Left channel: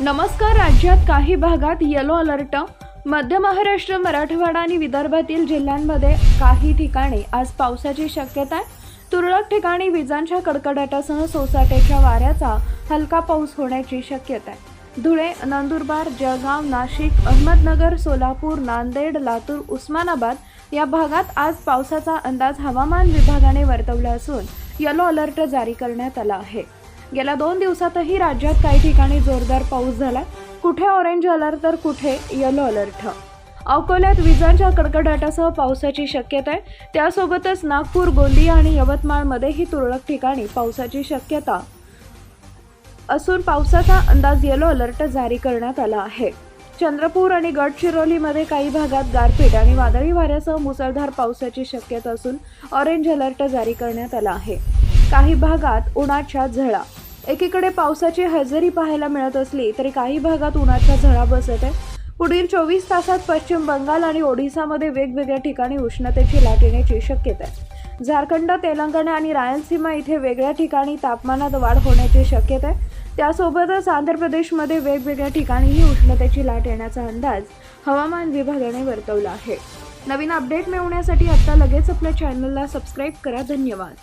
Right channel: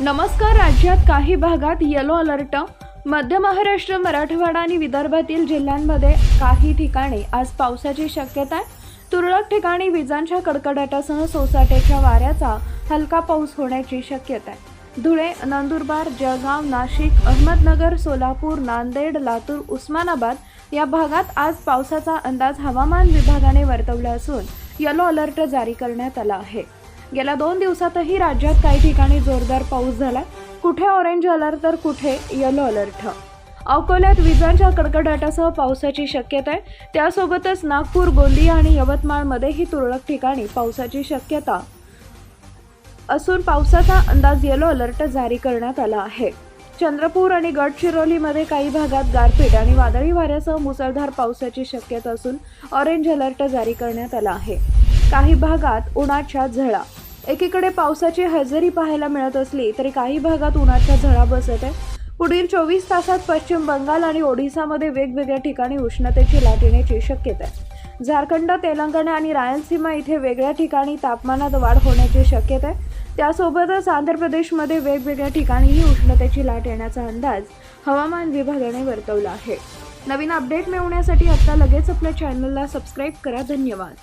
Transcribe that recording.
नमस्कार राज्यात काही भागात येलो अलर्ट मध्य महाराष्ट्र मराठवाडा आणि विदर्भातील जिल्ह्यांमध्ये काही ठिकाणी आज पावसाची शक्यता आहे. तुरळक ठिकाणी विजांच्या कडकडाटासह सोसाट्याच्या वाऱ्याचा हलका पाऊस होण्याची शक्यता आहे. धुळे नंदुरबार जळगाव नाशिक अहमदनगर सोलापूर नांदेड लातूर उस्मानाबाद या भागात आज पावसाचा अंदाज हवामान विभागाने वर्तवला असून येलो अलर्ट जारी करण्यात आला आहे. गेल्या दोन दिवसातही राज्यात काही ठिकाणी जोरदार पाऊस झाला. कुठे ऑरेंज अलर्ट तर कुठे येलो अलर्ट अकोल्यात विजांच्या कडकडाटासह पावसाची शक्यता आहे. त्यासोबतच नागपूर गोंदिया आणि यवतमाळमध्येही तुरळक ठिकाणी पावसाची शक्यता. असून पावसाचा अंदाज येलो अलर्ट जारी करण्यात आला आहे. चंद्रपूर आणि गडचिरोलीमध्ये काही भागात गारपीट आणि वादळी वाऱ्यासह मुसळधार पावसाची शक्यता असून ऑरेंज अलर्ट जारी करण्यात आला आहे. काही भागात उन्हाच्या झळा. एकीकडे पावसाची हजेरी पाहायला मिळत असली तरी काही भागात उन्हाच्या झळा बसत आहे. पुढील चोवीस तासात पश्चिम बंगाल आणि ओडिसामध्ये वेगवेगळ्या ठिकाणी उष्णतेची लाट येण्याची शक्यता आहे. झारखंड तेलंगणा आणि रायलसीमा इथे वेगळ्या ठिकाणी तापमानात वाढ होण्याची शक्यता आहे. त्यासोबतच आंध्र प्रदेशमध्ये वेगवेगळ्या ठिकाणीही उष्णतेची लाट येण्याचा अंदाज हवामान विभागाने वर्तवला आहे. नवीन अपडेट मिळवण्यासाठी आत्ता लगेच आपल्या चॅनलला सबस्क्राईब करा. धन्यवाद.